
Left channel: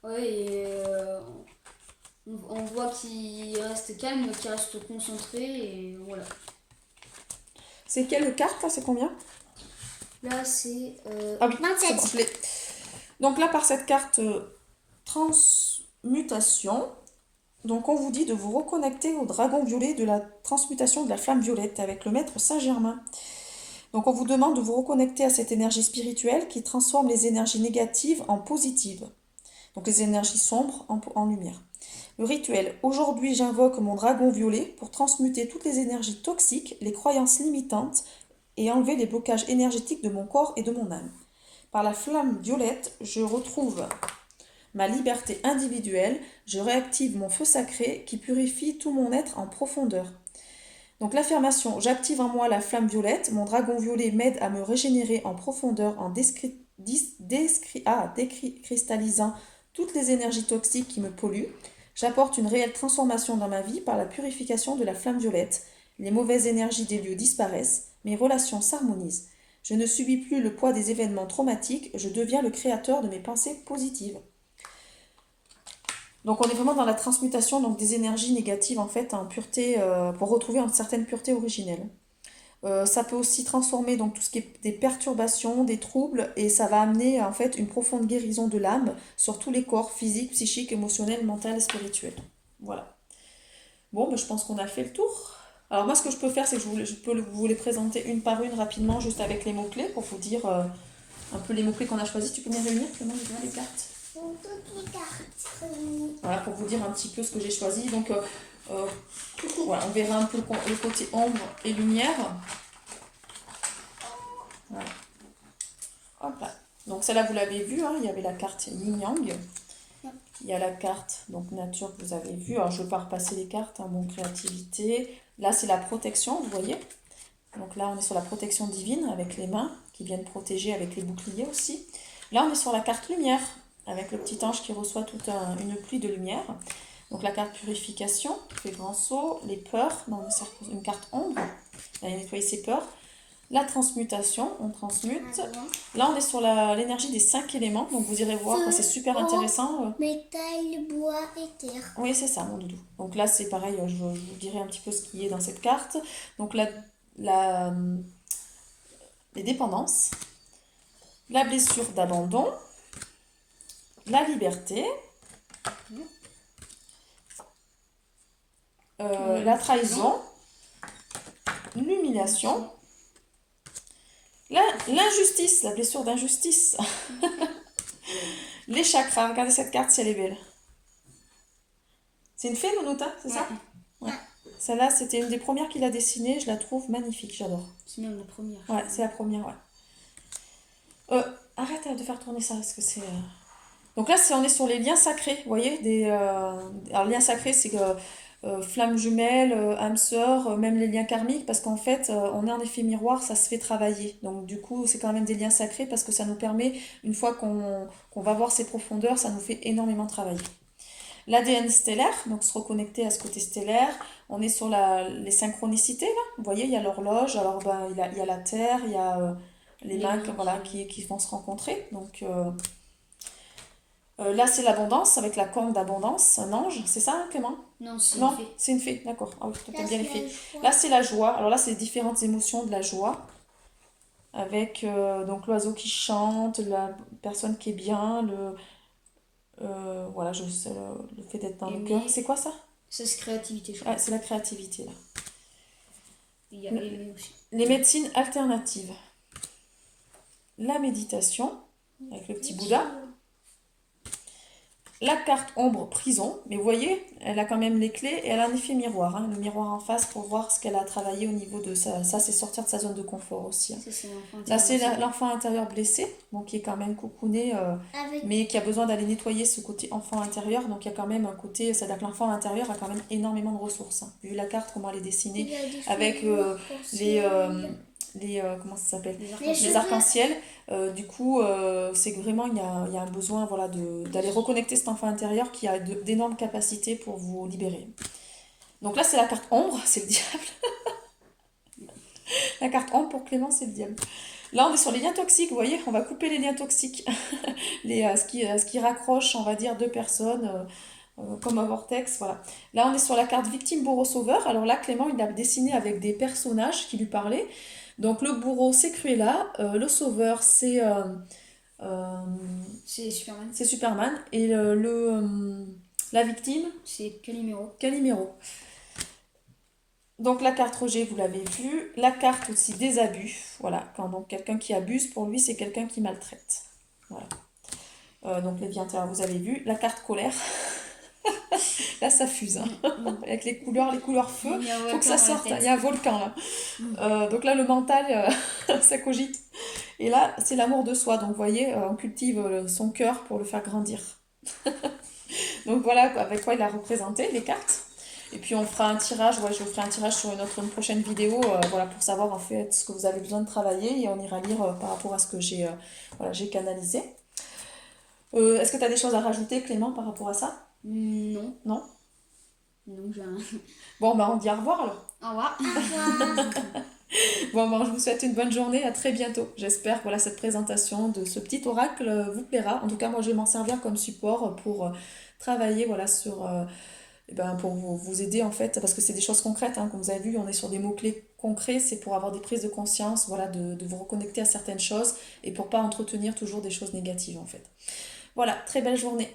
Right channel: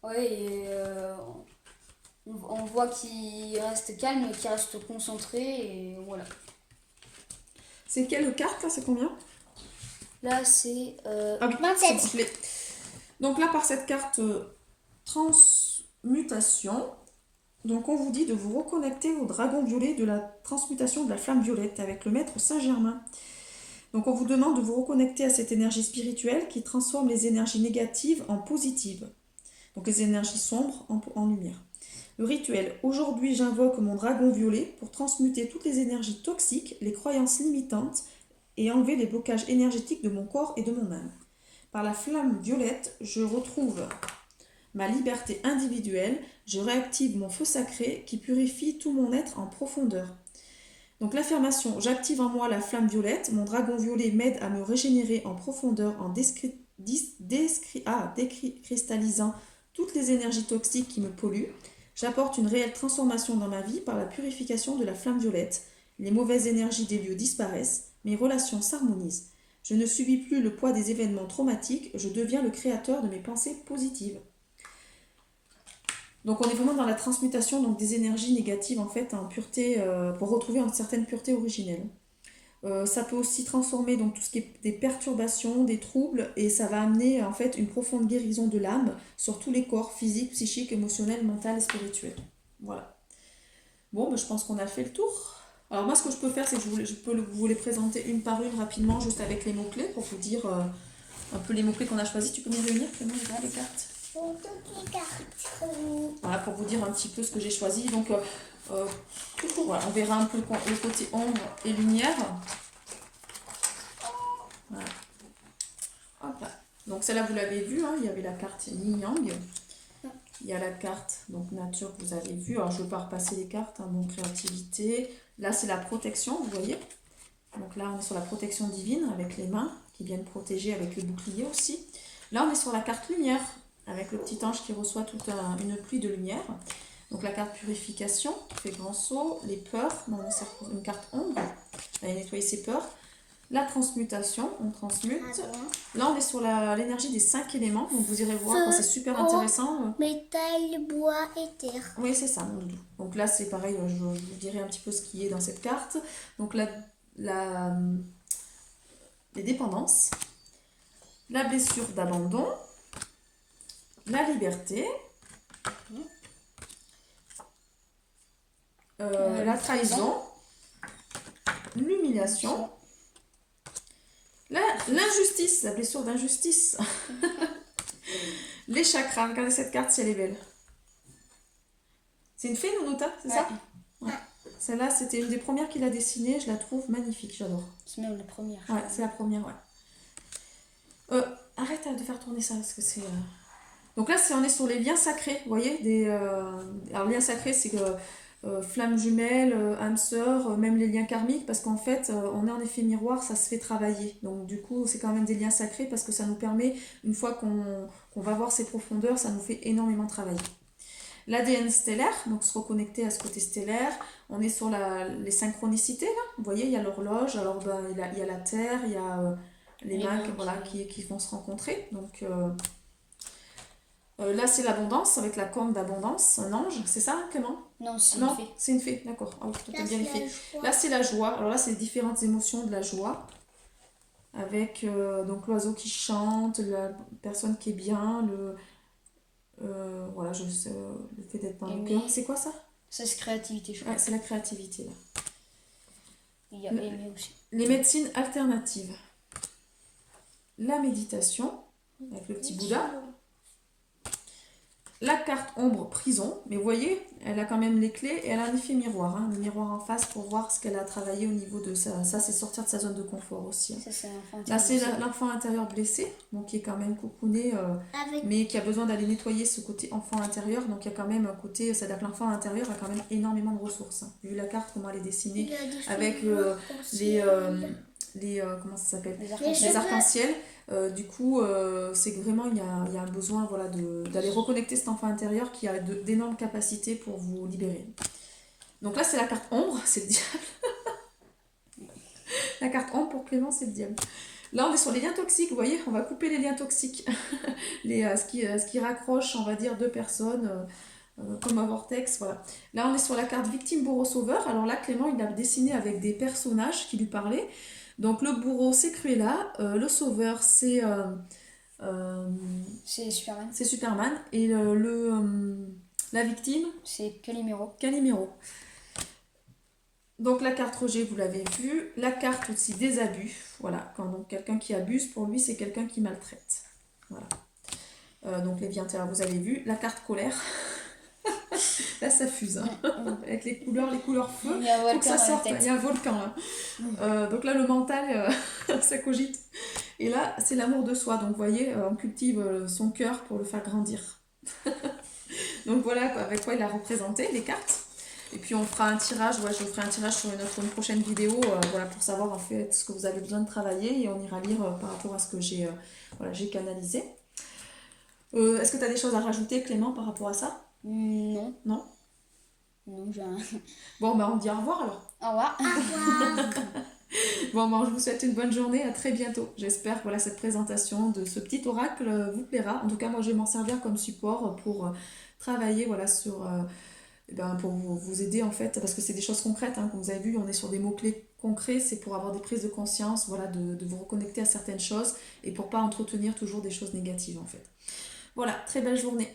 Ouais, et on voit qu'il reste calme, qu'il reste concentré, et voilà. C'est quelle carte là? C'est combien? Là, c'est... Ah oui, 27. c'est bon, je l'ai. Donc là, par cette carte transmutation, donc on vous dit de vous reconnecter au dragon violet de la transmutation de la flamme violette avec le maître Saint-Germain. Donc on vous demande de vous reconnecter à cette énergie spirituelle qui transforme les énergies négatives en positives. Donc les énergies sombres en lumière. Le rituel. Aujourd'hui, j'invoque mon dragon violet pour transmuter toutes les énergies toxiques, les croyances limitantes et enlever les blocages énergétiques de mon corps et de mon âme. Par la flamme violette, je retrouve ma liberté individuelle, je réactive mon feu sacré qui purifie tout mon être en profondeur. Donc l'affirmation, j'active en moi la flamme violette, mon dragon violet m'aide à me régénérer en profondeur en décristallisant toutes les énergies toxiques qui me polluent. J'apporte une réelle transformation dans ma vie par la purification de la flamme violette. Les mauvaises énergies des lieux disparaissent, mes relations s'harmonisent. Je ne subis plus le poids des événements traumatiques, je deviens le créateur de mes pensées positives. Donc on est vraiment dans la transmutation donc, des énergies négatives en fait en pureté pour retrouver une certaine pureté originelle. Ça peut aussi transformer donc tout ce qui est des perturbations, des troubles et ça va amener en fait une profonde guérison de l'âme sur tous les corps physiques, psychiques, émotionnels, mental et spirituels. Voilà. Bon, ben, je pense qu'on a fait le tour. Alors moi ce que je peux faire c'est que je peux vous les présenter une par une rapidement juste avec les mots-clés pour vous dire un peu les mots-clés qu'on a choisis. Tu peux me les réunir Clément, les cartes? Donc, toutes les cartes. Voilà, pour vous dire un petit peu ce que j'ai choisi. Donc, voilà, on verra un peu le côté ombre et lumière. Voilà. Hop là. Donc, celle-là, vous l'avez vu, hein, il y avait la carte Yin-Yang. Il y a la carte donc nature que vous avez vue. Alors, je ne vais pas repasser les cartes, hein, bon, créativité. Là, c'est la protection, vous voyez. Donc là, on est sur la protection divine avec les mains qui viennent protéger avec les boucliers aussi. Là, on est sur la carte lumière avec le petit ange qui reçoit toute une pluie de lumière. Donc la carte purification, fait grand saut, les peurs, on est sur une carte ombre, on va nettoyer ses peurs. La transmutation, on transmute. Là, on est sur l'énergie des 5 éléments, donc vous irez voir, c'est super intéressant. Métal, bois et terre. Oui, c'est ça, mon doudou. Donc là, c'est pareil, je vous dirai un petit peu ce qui est dans cette carte. Donc les dépendances, la blessure d'abandon, la liberté, la trahison, l'humiliation, l'injustice, la blessure d'injustice, les chakras. Regardez cette carte si elle est belle. C'est une fée, Nounouta, c'est ça? Ouais. Celle-là, c'était une des premières qu'il a dessinée. Je la trouve magnifique, j'adore. C'est même la première. Ouais, c'est la première, ouais. Arrête de faire tourner ça, parce que c'est... Donc là, on est sur les liens sacrés, vous voyez, alors liens sacrés, c'est flammes jumelles, âmes sœurs, même les liens karmiques, parce qu'en fait, on est en effet miroir, ça se fait travailler. Donc du coup, c'est quand même des liens sacrés parce que ça nous permet, une fois qu'on va voir ces profondeurs, ça nous fait énormément travailler. L'ADN stellaire, donc se reconnecter à ce côté stellaire. On est sur les synchronicités, là. Vous voyez, il y a l'horloge, alors ben, il y a la Terre, il y a les Les mains mains voilà, qui vont se rencontrer. Donc là, c'est l'abondance, avec la corne d'abondance, un ange, c'est ça, hein, Clément? Non, c'est une Non, fée. c'est une fée, d'accord. Ah oui, t'as Là, bien c'est fait. la joie. Là, c'est la joie. Alors là, c'est différentes émotions de la joie. Avec donc l'oiseau qui chante, la personne qui est bien, voilà, le fait d'être dans le cœur. Aimer. C'est quoi ça? Ça, c'est créativité, je crois. Ouais, c'est la créativité, là. Il y a aimer aussi. Les médecines alternatives. La méditation, avec le petit Bouddha. La carte ombre prison, mais vous voyez, elle a quand même les clés et elle a un effet miroir, hein, le miroir en face pour voir ce qu'elle a travaillé au niveau de ça. Ça, c'est sortir de sa zone de confort aussi, hein. Ça, c'est l'enfant Là, c'est intérieur. l'enfant intérieur blessé, donc qui est quand même coucouné, Avec mais qui a besoin d'aller nettoyer ce côté enfant intérieur. Donc il y a quand même un côté, c'est-à-dire que l'enfant intérieur a quand même énormément de ressources, hein. Vu la carte, comment elle est il dessinée, y a des avec figures les, aussi. comment ça s'appelle? Les Les arcs-en-ciel. Les cheveux. arcs-en-ciel. Du coup, c'est que vraiment, il y a un besoin voilà, d'aller reconnecter cet enfant intérieur qui a d'énormes capacités pour vous libérer. Donc là, c'est la carte ombre, c'est le diable. La carte ombre pour Clément, c'est le diable. Là, on est sur les liens toxiques, vous voyez, on va couper les liens toxiques. Ce qui raccroche, on va dire, deux personnes, comme un vortex, voilà. Là, on est sur la carte victime, bourreau, sauveur. Alors là, Clément, il a dessiné avec des personnages qui lui parlaient. Donc le bourreau, c'est Cruella, le sauveur, euh, C'est Superman. c'est Superman, et la victime, C'est Calimero. Calimero. Donc la carte rejet, vous l'avez vu. La carte aussi des abus. Voilà, quand donc quelqu'un qui abuse, pour lui, c'est quelqu'un qui maltraite. Voilà. Donc les vies intérieures, vous avez vu. La carte colère. Là, ça fuse, hein. Avec les couleurs feu. Il y a un Faut que ça volcan dans la sorte. tête. Il y a un volcan là. Donc là, le mental, ça cogite. Et là, c'est l'amour de soi. Donc vous voyez, on cultive son cœur pour le faire grandir. Donc voilà, avec quoi il a représenté les cartes. Et puis on fera un tirage, ouais, je vous ferai un tirage sur une prochaine vidéo, voilà, pour savoir en fait ce que vous avez besoin de travailler et on ira lire par rapport à ce que j'ai canalisé. Est-ce que tu as des choses à rajouter, Clément, par rapport à ça? Non. Non? Non, j'ai un... Bon, bah on dit au revoir alors. Au revoir. Bon, bah, je vous souhaite une bonne journée, à très bientôt. J'espère que voilà, cette présentation de ce petit oracle vous plaira. En tout cas, moi je vais m'en servir comme support pour travailler voilà, pour vous aider en fait, parce que c'est des choses concrètes, hein, comme vous avez vu, on est sur des mots-clés concrets, c'est pour avoir des prises de conscience, voilà, de vous reconnecter à certaines choses et pour pas entretenir toujours des choses négatives en fait. Voilà, très belle journée.